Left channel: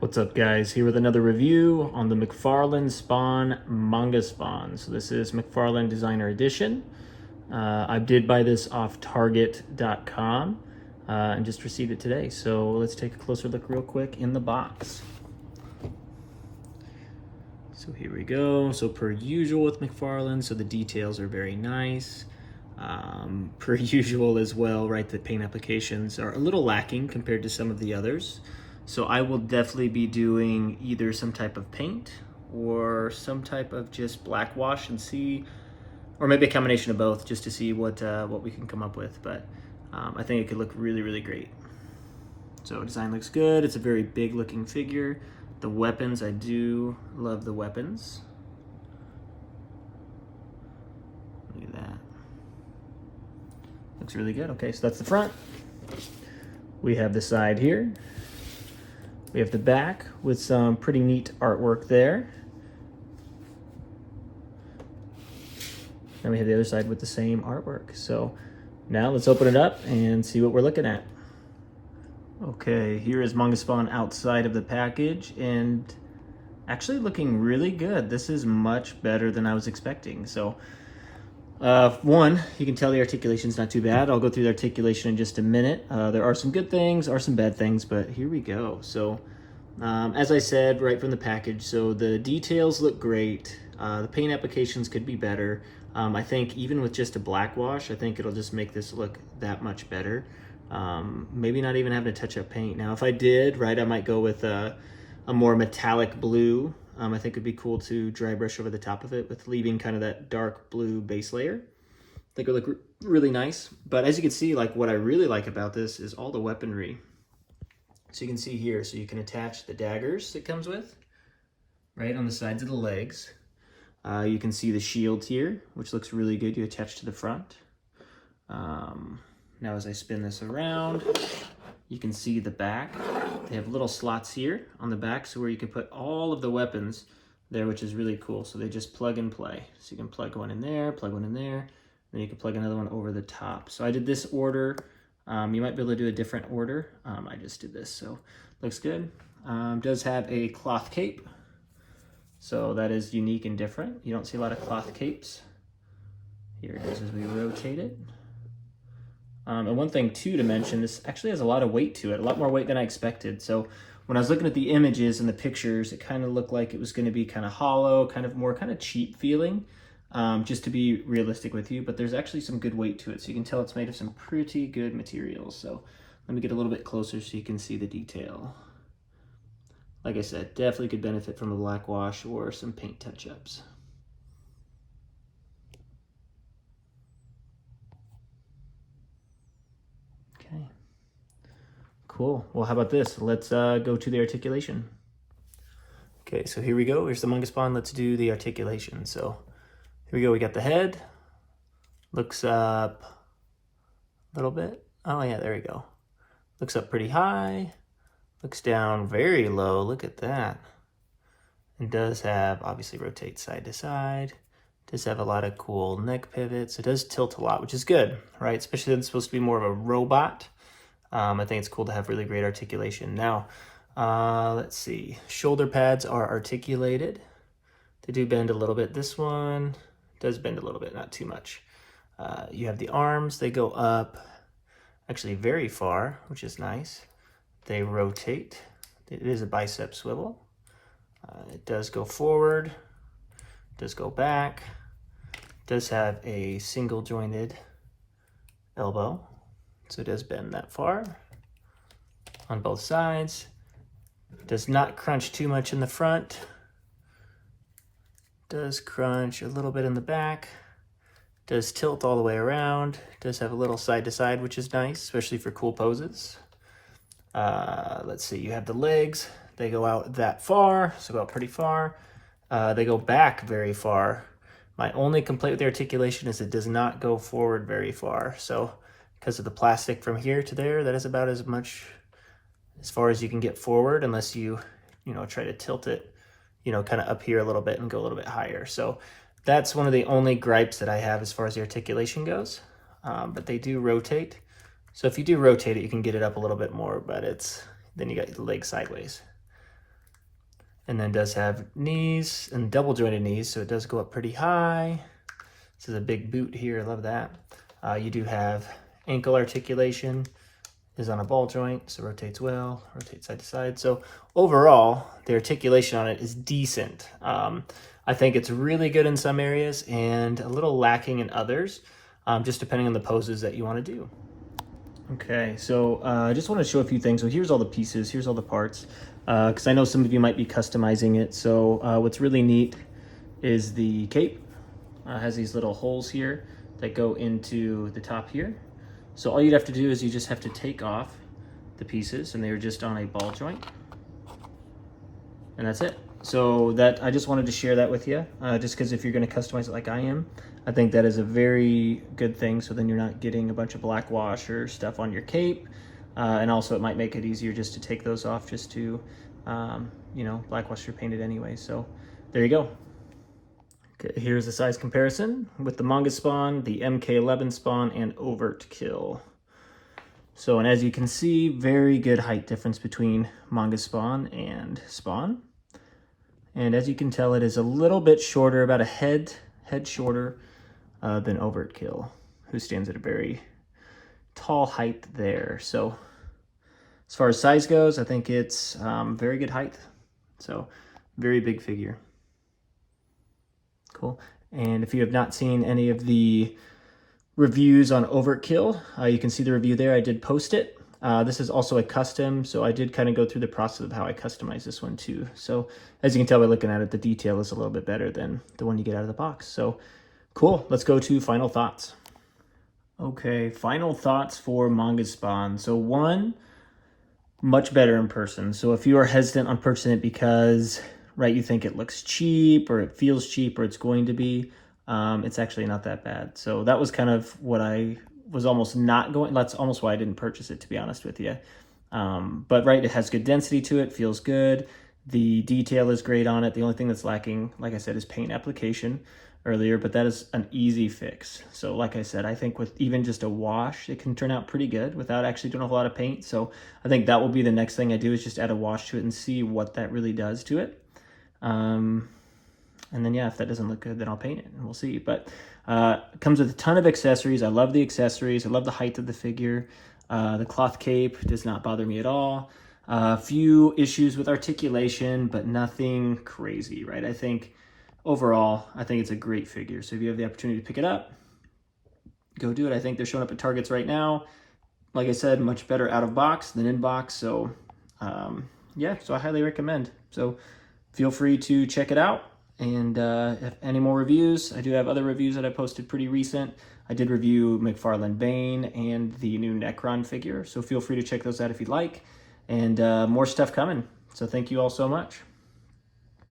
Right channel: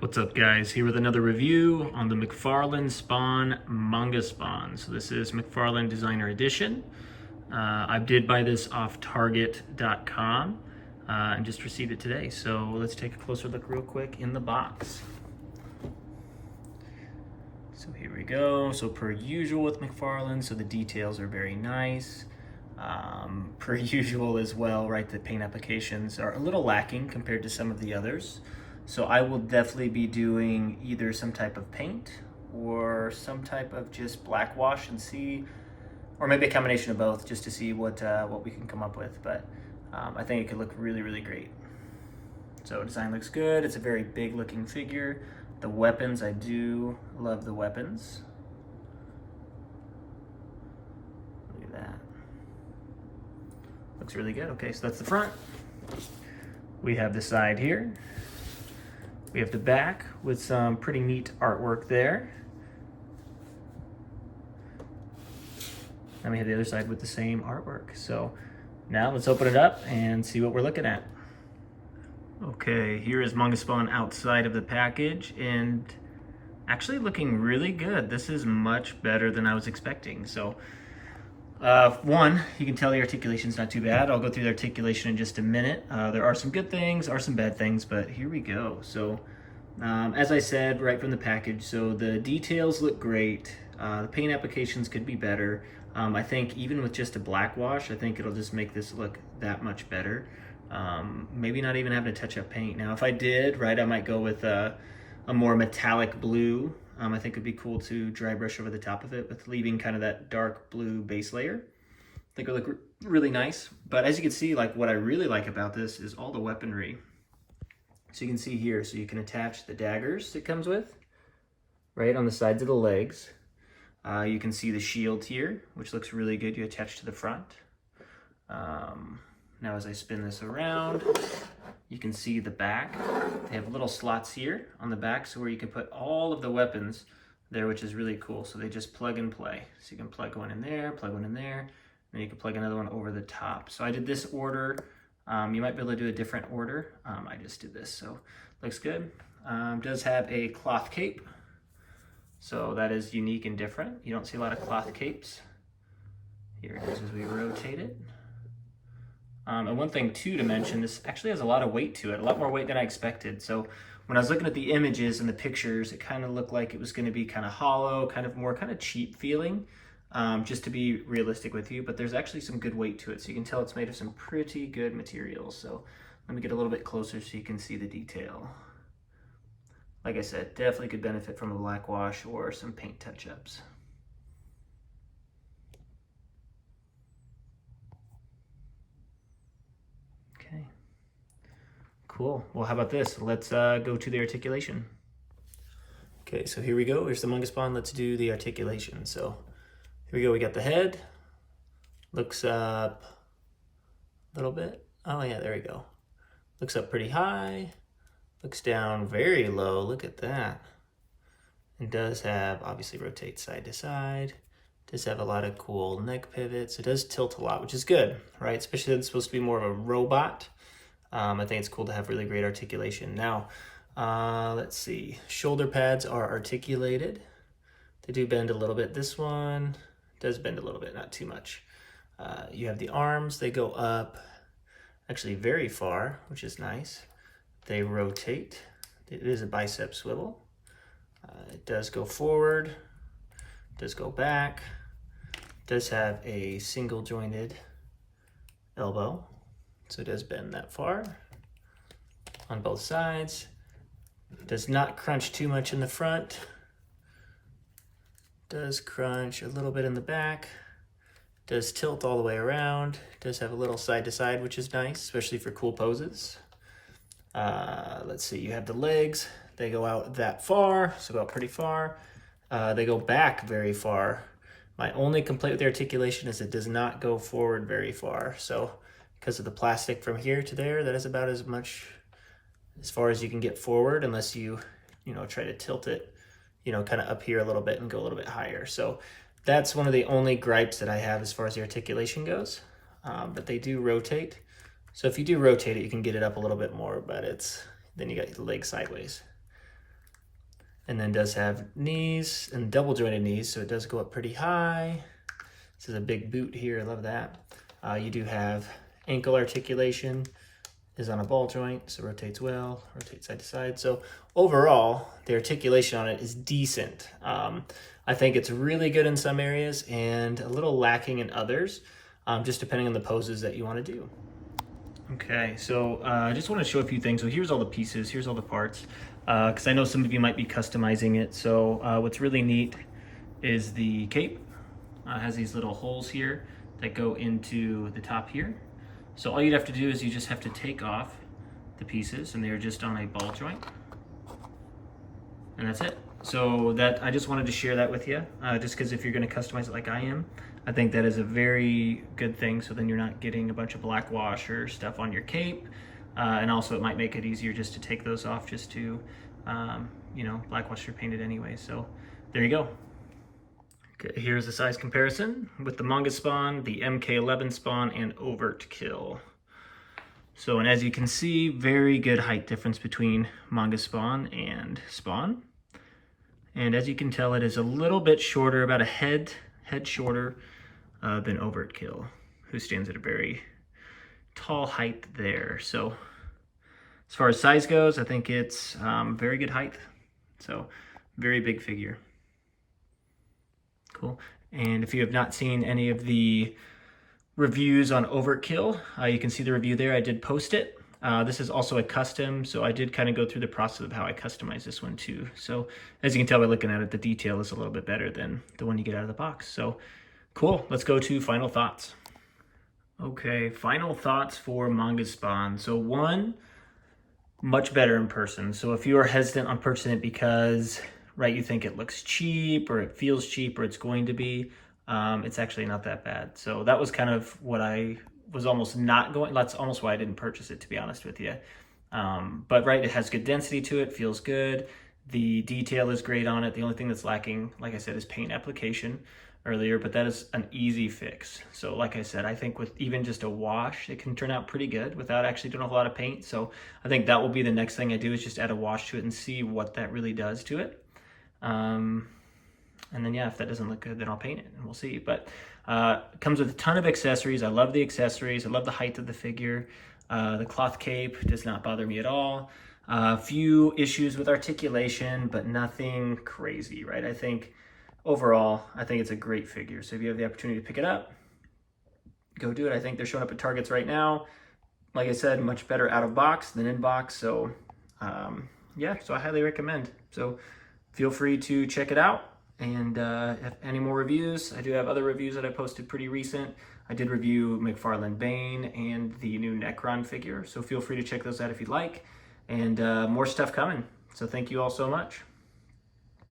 What's up, guys? Here with another review on the McFarlane Spawn Manga Spawn. So this is McFarlane Designer Edition. I did buy this off Target.com and just received it today. So let's take a closer look real quick in the box. So here we go. So per usual with McFarlane, so the details are very nice. Per usual as well, right? The paint applications are a little lacking compared to some of the others. So I will definitely be doing either some type of paint or some type of just black wash and see, or maybe a combination of both just to see what we can come up with. But I think it could look really, really great. So design looks good. It's a very big looking figure. The weapons, I do love the weapons. Look at that. Looks really good. Okay, so that's the front. We have the side here. We have the back with some pretty neat artwork there. And we have the other side with the same artwork. So now let's open it up and see what we're looking at. Okay, here is Manga Spawn outside of the package and actually looking really good. This is much better than I was expecting. So one, you can tell the articulation's not too bad. I'll go through the articulation in just a minute. There are some good things, are some bad things, but here we go. So as I said right from the package, so the details look great. The paint applications could be better. I think even with just a black wash, I think it'll just make this look that much better. Maybe not even having to touch up paint. Now if I did, right, I might go with a more metallic blue. I think it'd be cool to dry brush over the top of it with leaving kind of that dark blue base layer. I think it would look really nice. But as you can see, like what I really like about this is all the weaponry. So you can see here, so you can attach the daggers it comes with, right on the sides of the legs. You can see the shield here, which looks really good. You attach to the front. Now as I spin this around, you can see the back. They have little slots here on the back, so where you can put all of the weapons there, which is really cool. So they just plug and play. So you can plug one in there, plug one in there, then you can plug another one over the top. So I did this order. You might be able to do a different order. I just did this, so looks good. Does have a cloth cape. So that is unique and different. You don't see a lot of cloth capes. Here it is as we rotate it. And one thing too to mention, this actually has a lot of weight to it, a lot more weight than I expected. So when I was looking at the images and the pictures, it kind of looked like it was going to be kind of hollow, kind of cheap feeling, just to be realistic with you. But there's actually some good weight to it, so you can tell it's made of some pretty good materials. So let me get a little bit closer so you can see the detail. Like I said, definitely could benefit from a black wash or some paint touch-ups. Okay, cool. Well, how about this? Let's go to the articulation. Okay, so here we go. Here's the Manga Spawn. Let's do the articulation. So here we go. We got the head. Looks up a little bit. Oh yeah, there we go. Looks up pretty high. Looks down very low. Look at that. It does have, obviously rotates side to side. Does have a lot of cool neck pivots. It does tilt a lot, which is good, right? Especially since it's supposed to be more of a robot. I think it's cool to have really great articulation. Now, let's see. Shoulder pads are articulated. They do bend a little bit. This one does bend a little bit, not too much. You have the arms. They go up actually very far, which is nice. They rotate. It is a bicep swivel. It does go forward. Does go back. Does have a single jointed elbow, so it does bend that far on both sides. Does not crunch too much in the front. Does crunch a little bit in the back. Does tilt all the way around. Does have a little side to side, which is nice, especially for cool poses. Let's see, you have the legs. They go out that far, so go out pretty far. They go back very far. My only complaint with the articulation is it does not go forward very far. So because of the plastic from here to there, that is about as much as far as you can get forward, unless you try to tilt it, kind of up here a little bit and go a little bit higher. So that's one of the only gripes that I have as far as the articulation goes. But they do rotate. So if you do rotate it, you can get it up a little bit more, but then you got the leg sideways. and then does have knees and double jointed knees, so it does go up pretty high. This is a big boot here, I love that. You do have ankle articulation, is on a ball joint, so rotates well, rotates side to side. So overall, the articulation on it is decent. I think it's really good in some areas and a little lacking in others, just depending on the poses that you want to do. Okay, so I just want to show a few things. So here's all the pieces, here's all the parts, because I know some of you might be customizing it. So what's really neat is the cape. Has these little holes here that go into the top here. So all you'd have to do is you just have to take off the pieces, and they're just on a ball joint. And that's it. So that, I just wanted to share that with you, just because if you're going to customize it like I am, I think that is a very good thing. So then you're not getting a bunch of black wash or stuff on your cape. And also it might make it easier just to take those off, just to, you know, black wash your painted anyway. So there you go. Okay, here's the size comparison with the Manga Spawn, the MK11 Spawn, and Overt Kill. So, and as you can see, very good height difference between Manga Spawn and Spawn. And as you can tell, it is a little bit shorter, about a head shorter than Overt Kill, who stands at a very tall height there. So as far as size goes, I think it's very good height. So very big figure. Cool. And if you have not seen any of the reviews on Overt Kill, you can see the review there. I did post it. This is also a custom, so I did kind of go through the process of how I customized this one too. So as you can tell by looking at it, the detail is a little bit better than the one you get out of the box. So cool, let's go to final thoughts. Okay, final thoughts for Manga Spawn. So one, much better in person. So if you are hesitant on purchasing it because, right, you think it looks cheap or it feels cheap or it's going to be, it's actually not that bad. So that was kind of what I was almost not going, that's almost why I didn't purchase it, to be honest with you. But right, it has good density to it, feels good. The detail is great on it. The only thing that's lacking, like I said, is paint application earlier, but that is an easy fix. So like I said, I think with even just a wash, it can turn out pretty good without actually doing a whole lot of paint. So I think that will be the next thing I do, is just add a wash to it and see what that really does to it. And then, yeah, if that doesn't look good, then I'll paint it and we'll see. But it comes with a ton of accessories. I love the accessories. I love the height of the figure. The cloth cape does not bother me at all. A few issues with articulation, but nothing crazy, right? I think overall, I think it's a great figure. So if you have the opportunity to pick it up, go do it. I think they're showing up at Targets right now. Like I said, much better out of box than in box. So yeah, so I highly recommend. So feel free to check it out. And if any more reviews, I do have other reviews that I posted pretty recent. I did review McFarlane Bane and the new Necron figure. So feel free to check those out if you'd like. And more stuff coming. So thank you all so much.